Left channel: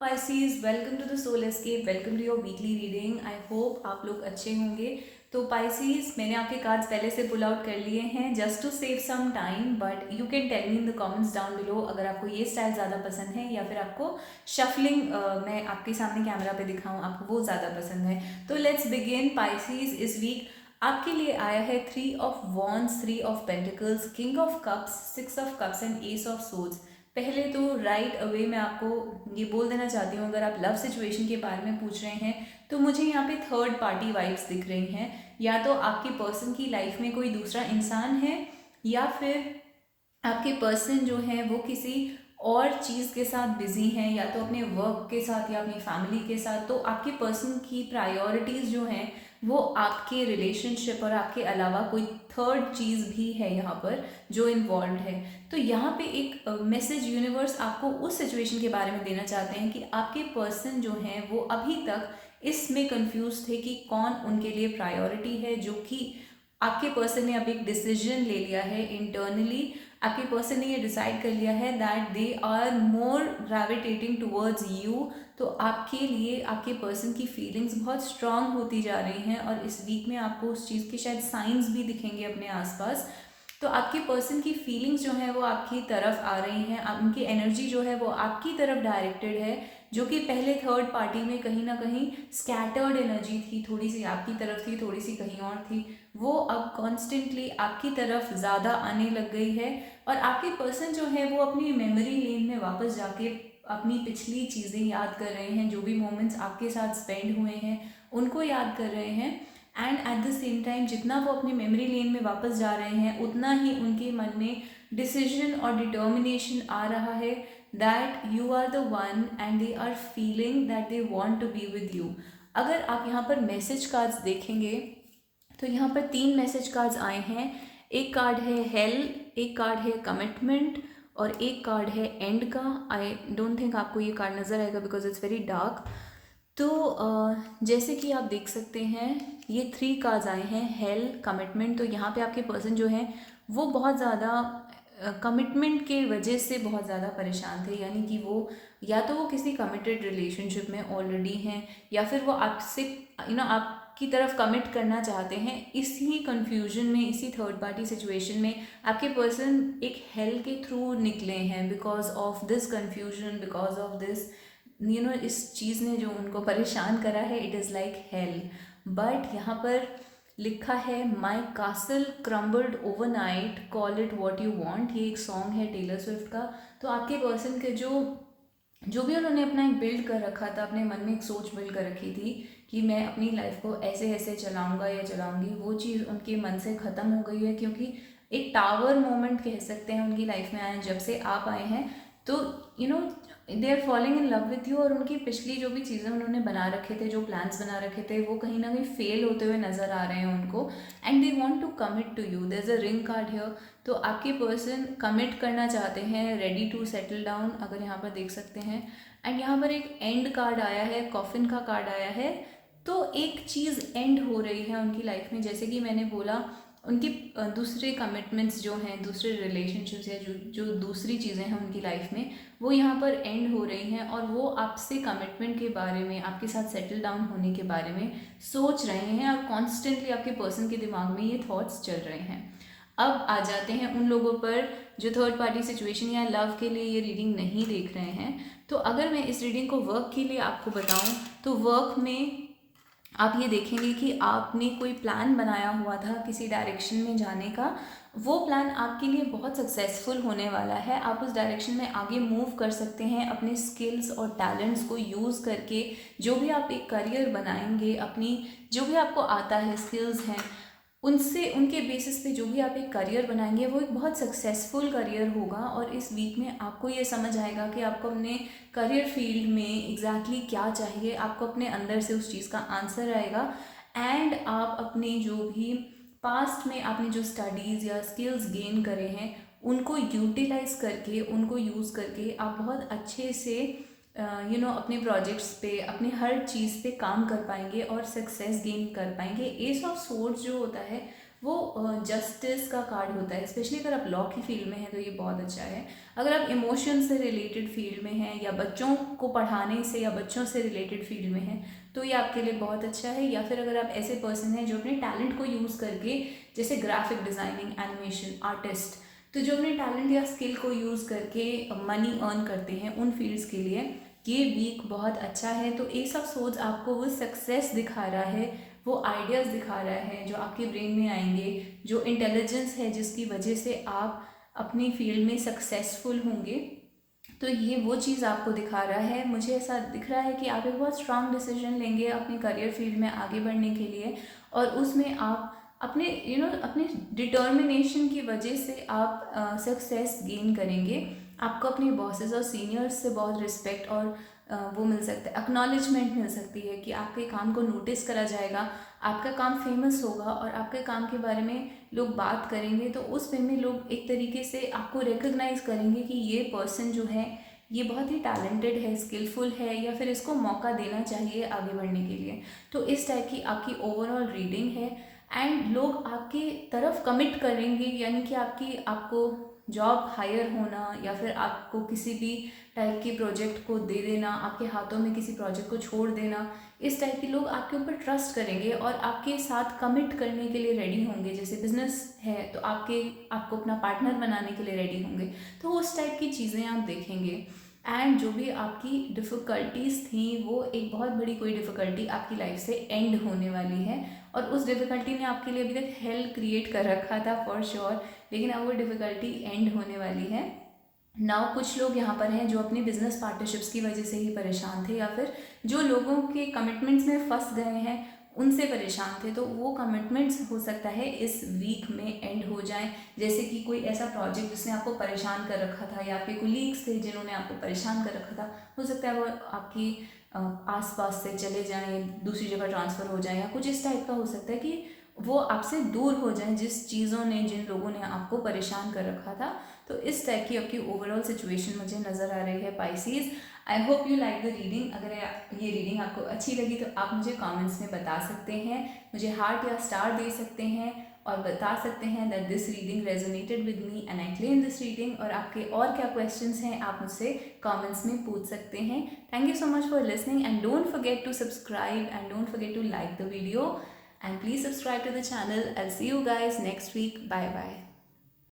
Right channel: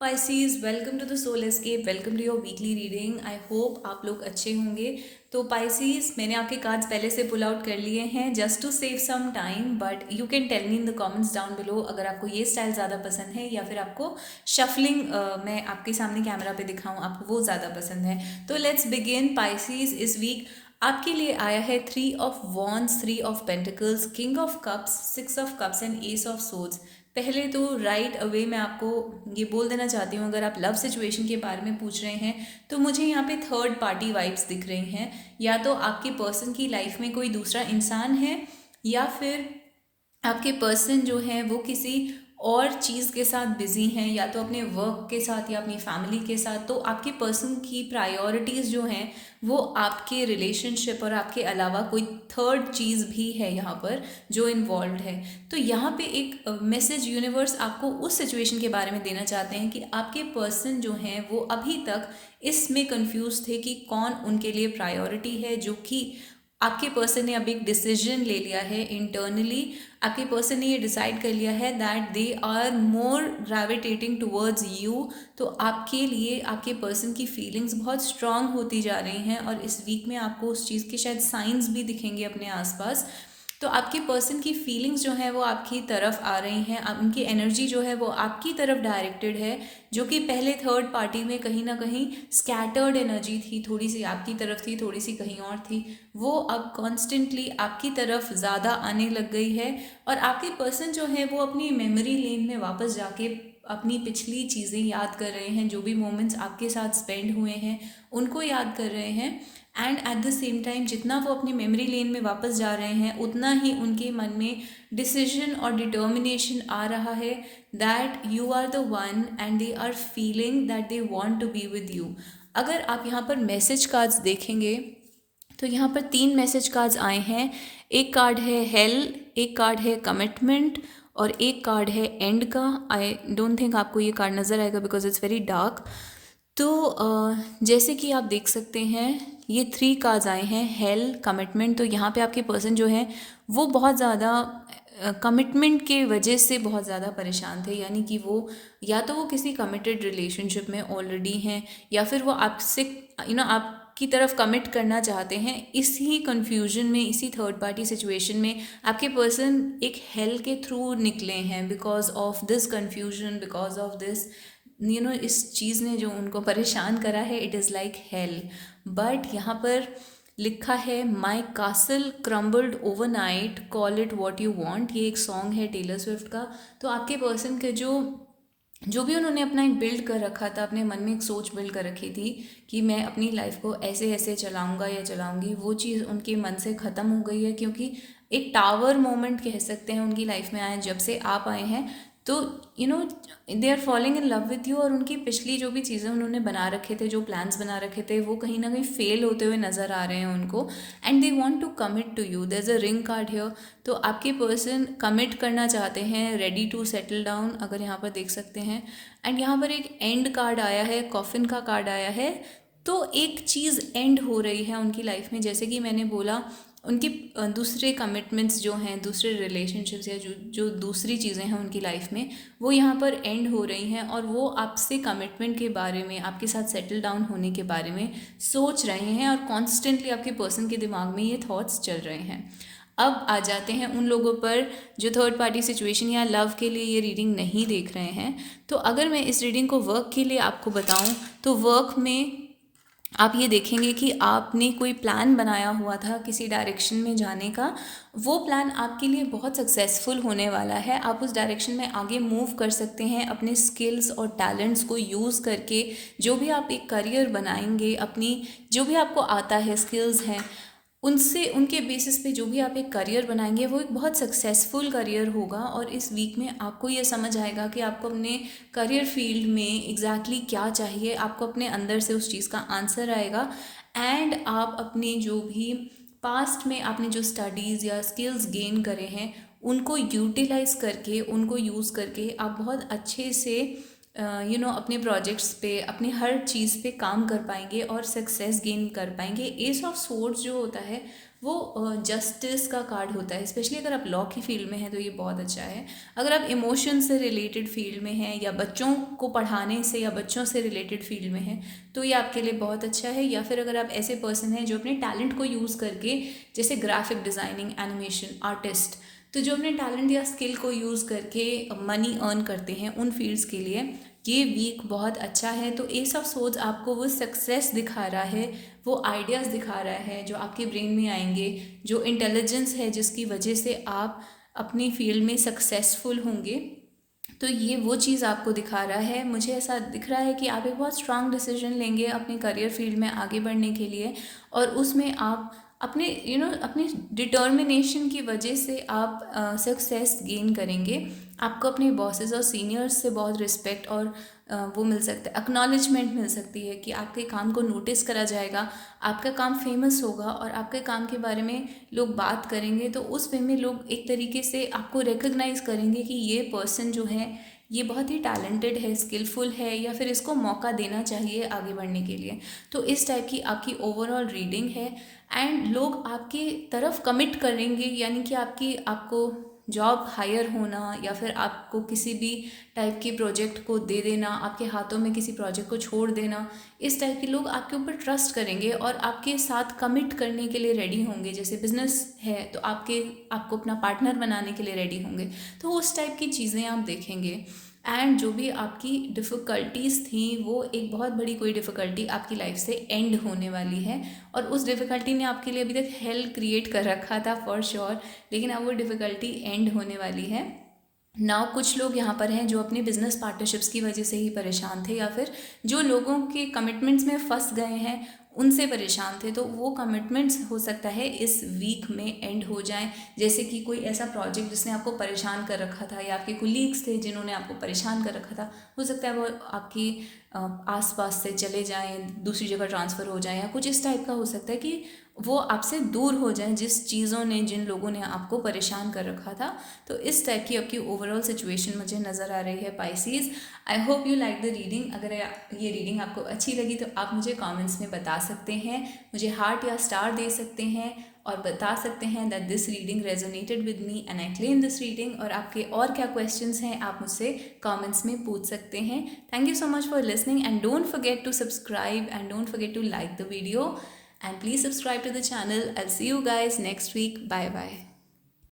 Pisces, welcome to the soul escape. Welcome to your weekly reading. I hope आप लोग अच्छे होंगे। तो पाइसीज, मैंने आपके कार्ड्स पहले से पुल आउट कर लिए हैं just to save some time, but you can tell me in the comments down below अगर आपको ये स्टाइल ज़्यादा पसंद है या फिर आपको शफलिंग मैं आपके सामने कैमरा पे दिखाऊं आपको वो ज़्यादा पसंद है। तो लेट्स बिगिन। पाइसीज, इस वीक आपके लिए आया है 3 of wands, 3 of pentacles, king of cups, 6 of cups and S of swords. पहले तो राइट अवे मैं आपको ये बोल देना चाहती हूँ, अगर आप लव सिचुएशन के बारे में पूछ रहे हैं तो मुझे यहाँ पे थर्ड पार्टी वाइब्स दिख रही हैं। या तो आपके पर्सन की लाइफ में कोई दूसरा इंसान है या फिर आपके पर्सन जो है वो किसी और चीज़ के साथ बिजी हैं, या तो अपने वर्क के साथ या अपनी फैमिली के साथ। तो आपके पर्सन की प्रायोरिटीज़ जो हैं वो आपके रिलेशनशिप और आपके अलावा कोई थर्ड चीज़ भी है यहाँ पर जो इन्वॉल्व है। तो यहाँ पे एक मैसेज यूनिवर्स आपको उस सिचुएशन के बारे में देना चाहते हैं कि आपके पर्सन जो हैं वो अभी तक इसमें कंफ्यूज थे कि कौन उनके लिए प्रायोरिटी है। जो कि आपके पर्सन ने अब एक डिसीजन ले लिया है इंटरनली। आपके पर्सन ने ये डिसाइड कर लिया है that they are more gravitating towards you. तो आपके लिए आपके पर्सन की फीलिंग्स बहुत स्ट्रांग होती जा रही हैं और इस वीक में आपको उस चीज़ के शायद साइंस भी दिखेंगे अपने आसपास। तो आपके पर्सन की फीलिंग्स जो है वो आपकी तरफ आ रही हैं, उनकी एनर्जी जो है वो आपकी तरफ डायरेक्टेड है। जो कि पहले थर्ड पार्टी में कहीं ना कहीं स्कैटर्ड एनर्जी थी, थोड़ी सी आपकी तरफ थी, थोड़ी सी कहीं और थी, वो अब कॉन्स्टेंटली आपकी तरफ ज़्यादा आने लग गई है। और आपके पर्सन जो है वो अपनी मेमोरी लेन में वापस जाके अपनी पिछली चीज़ें याद कर रहे हैं, जो भी मोमेंट्स आपके साथ स्पेंड हुए हैं उनको याद कर रहे हैं। And at the same time जितना वो अपनी मेमोरी लेन में वापस जा रहे हैं उतना ही उनके मन में डिसीजन और डिटर्मिनेशन आ रहा है that you are the one and they are feeling that they want to be with you. अगर आप यहाँ पर मैसेज कार्ड्स देखेंगे तो यहाँ पर 3 मैसेज कार्ड्स आए हैं। एक कार्ड है हेल, एक कार्ड है कमिटमेंट और एक कार्ड है एंड का। आई डोंट थिंक आपको ये कार्ड नज़र आएगा बिकॉज इट्स वेरी डार्क। तो जैसे कि आप देख सकते हैं ये 3 कार्ड्स आए हैं, हेल, कमिटमेंट। तो यहाँ पे आपके पर्सन जो हैं वो बहुत ज़्यादा कमिटमेंट के वजह से बहुत ज़्यादा परेशान थे। यानी कि वो या तो वो किसी कमिटेड रिलेशनशिप में ऑलरेडी हैं या फिर वो आपसे आपकी तरफ कमिट करना चाहते हैं। इसी कन्फ्यूजन में, इसी थर्ड पार्टी सिचुएशन में आपके पर्सन एक हेल के थ्रू निकले हैं because of this confusion, because of this इस चीज़ ने जो उनको परेशान करा है, it is like hell. But यहाँ पर लिखा है my castle crumbled overnight, call it what you want. ये एक सॉन्ग है टेलर स्विफ्ट का। तो आपके पर्सन के जो जो भी उन्होंने अपना एक बिल्ड कर रखा था, अपने मन में एक सोच बिल्ड कर रखी थी कि मैं अपनी लाइफ को ऐसे ऐसे चलाऊंगा या चलाऊंगी, वो चीज़ उनके मन से ख़त्म हो गई है। क्योंकि एक टावर मोमेंट कह सकते हैं उनकी लाइफ में आए जब से आप आए हैं। तो they are falling in love with you. और उनकी पिछली जो भी चीज़ें उन्होंने बना रखे थे, जो प्लान्स बना रखे थे, वो कहीं ना कहीं फेल होते हुए नज़र आ रहे हैं उनको। And they want to commit to you. There is a ring card here. तो आपके पर्सन कमिट करना चाहते हैं, रेडी टू सेटल डाउन, अगर यहाँ पर देख सकते हैं। एंड यहाँ पर एक एंड कार्ड आया है, कॉफिन का कार्ड आया है। तो एक चीज़ एंड हो रही है उनकी लाइफ में। जैसे कि मैंने बोला, उनकी दूसरे कमिटमेंट्स जो हैं, दूसरे रिलेशनशिप्स या जो जो दूसरी चीज़ें हैं उनकी लाइफ में, वो यहाँ पर एंड हो रही हैं। और वो आपसे कमिटमेंट के बारे में, आपके साथ सेटल डाउन होने के बारे में सोच रहे हैं और कॉन्स्टेंटली आपके पर्सन के दिमाग में ये थॉट्स चल रहे हैं। अब आ जाते हैं उन लोगों पर जो थर्ड पार्टी सिचुएशन या लव के लिए ये रीडिंग नहीं देख रहे हैं। तो अगर मैं इस रीडिंग को वर्क के लिए आपको बताऊं तो वर्क में आप ये देखेंगे कि आपने कोई प्लान बनाया हुआ था किसी डायरेक्शन में जाने का। वो प्लान आपके लिए बहुत सक्सेसफुल होने वाला है। आप उस डायरेक्शन में आगे मूव कर सकते हैं अपने स्किल्स और टैलेंट्स को यूज़ करके। जो भी आप एक करियर बनाएंगे, अपनी जो भी आपको आता है, स्किल्स हैं, उनसे, उनके बेसिस पे जो भी आप एक करियर बनाएंगे वो एक बहुत सक्सेसफुल करियर होगा। और इस वीक में आपको ये समझ आएगा कि आपको अपने करियर फील्ड में एग्जैक्टली क्या चाहिए। आपको अपने अंदर से उस चीज़ का आंसर आएगा। एंड आप अपने जो भी पास्ट में आपने जो स्टडीज़ या स्किल्स गेन करे हैं उनको यूटिलाइज करके, उनको यूज़ करके आप बहुत अच्छे से अपने प्रोजेक्ट्स पे, अपनी हर चीज़ पे काम कर पाएंगे और सक्सेस गेन कर पाएंगे। एस ऑफ सोर्ड्स जो होता है वो जस्टिस का कार्ड होता है। स्पेशली अगर आप लॉ की फील्ड में हैं तो ये बहुत अच्छा है। अगर आप इमोशन से रिलेटेड फील्ड में हैं या बच्चों को पढ़ाने से या बच्चों से रिलेटेड फील्ड में हैं तो ये आपके लिए बहुत अच्छा है। या फिर अगर आप ऐसे पर्सन हैं जो अपने टैलेंट को यूज़ करके, जैसे ग्राफिक डिज़ाइनिंग, एनिमेशन, आर्टिस्ट, तो जो अपने टैलेंट या स्किल को यूज़ करके मनी अर्न करते हैं, उन फील्ड्स के लिए ये वीक बहुत अच्छा है। तो एस ऑफ सोर्ड्स आपको वो सक्सेस दिखा रहा है, वो आइडियाज़ दिखा रहा है जो आपके ब्रेन में आएंगे, जो इंटेलिजेंस है जिसकी वजह से आप अपनी फील्ड में सक्सेसफुल होंगे। तो ये वो चीज़ आपको दिखा रहा है। मुझे ऐसा दिख रहा है कि आप एक बहुत स्ट्रांग डिसीजन लेंगे अपने करियर फील्ड में आगे बढ़ने के लिए, और उसमें आप अपने अपने डिटर्मिनेशन की वजह से आप सक्सेस गेन करेंगे। आपको अपने बॉसेस और सीनियर्स से बहुत रिस्पेक्ट और वो मिल सकता है, एक्नॉलेजमेंट मिल सकती है कि आपके काम को नोटिस करा जाएगा, आपका काम फेमस होगा और आपके काम के बारे में लोग बात करेंगे। तो उस वे में लोग एक तरीके से आपको रिकग्नाइज़ करेंगे कि ये पर्सन जो है ये बहुत ही टैलेंटेड है, स्किलफुल है, या फिर इसको मौका देना चाहिए आगे बढ़ने के लिए। तो इस टाइप की आपकी ओवरऑल रीडिंग है। एंड लोग आपकी तरफ कमिट करेंगे, यानी कि आपको जॉब हायर होना या फिर आपको किसी भी टाइप के प्रोजेक्ट को दे देना, आपके हाथों में किसी प्रोजेक्ट को छोड़ देना, इस टाइप के लोग आपके ऊपर ट्रस्ट करेंगे और आपके साथ कमिट करने के लिए रेडी होंगे। जैसे बिजनेस है तो आपको अपना पार्टनर बनाने के लिए रेडी होंगे। तो उस टाइप की चीज़ें आप देखेंगे। एंड जो भी आपकी डिफ़िकल्टीज़ थी, वो एक बहुत बड़ी कोई डिफ़िकल्टी आपकी लाइफ से एंड होने वाली है, और उस डिफ़िकल्टी ने आपके लिए अभी तक हेल क्रिएट कर रखा था फॉर श्योर, लेकिन अब वो डिफ़िकल्टी एंड होने वाली है। नाउ कुछ लोग यहाँ पर हैं जो अपनी बिजनेस पार्टनरशिप्स की वजह से ही परेशान थे, या फिर जो लोगों के कमिटमेंट्स में फंस गए हैं उनसे परेशान थे, तो वो कमिटमेंट्स हो सकता है इस वीक में एंड हो जाएं। जैसे कि कोई ऐसा प्रोजेक्ट जिसने आपको परेशान कर रखा था, या आपके कोलीग्स थे जिन्होंने आपको परेशान कर रखा था, हो सकता है वो आपकी आसपास से चले जाएं, दूसरी जगह ट्रांसफ़र हो जाएं, या कुछ इस टाइप का हो सकता है कि वो आपसे दूर हो जाएं जिस चीज़ों ने, जिन लोगों ने आपको परेशान कर रखा था। तो इस टाइप की आपकी ओवरऑल सिचुएशन मुझे नज़र आ रही है pieces. I hope you like the reading. अगर ये रीडिंग आपको अच्छी लगी तो आप मुझे कमेंट्स में बता सकते हैं, मुझे हार्ट या स्टार दे सकते हैं और बता सकते हैं that this reading resonated with me and I claim this reading. और आपके और क्या क्वेश्चंस हैं आप मुझसे कमेंट्स में पूछ सकते हैं। Thank you so much for listening and don't forget to subscribe and don't forget to like the video and please subscribe to the channel. I'll see you guys next week. Bye bye.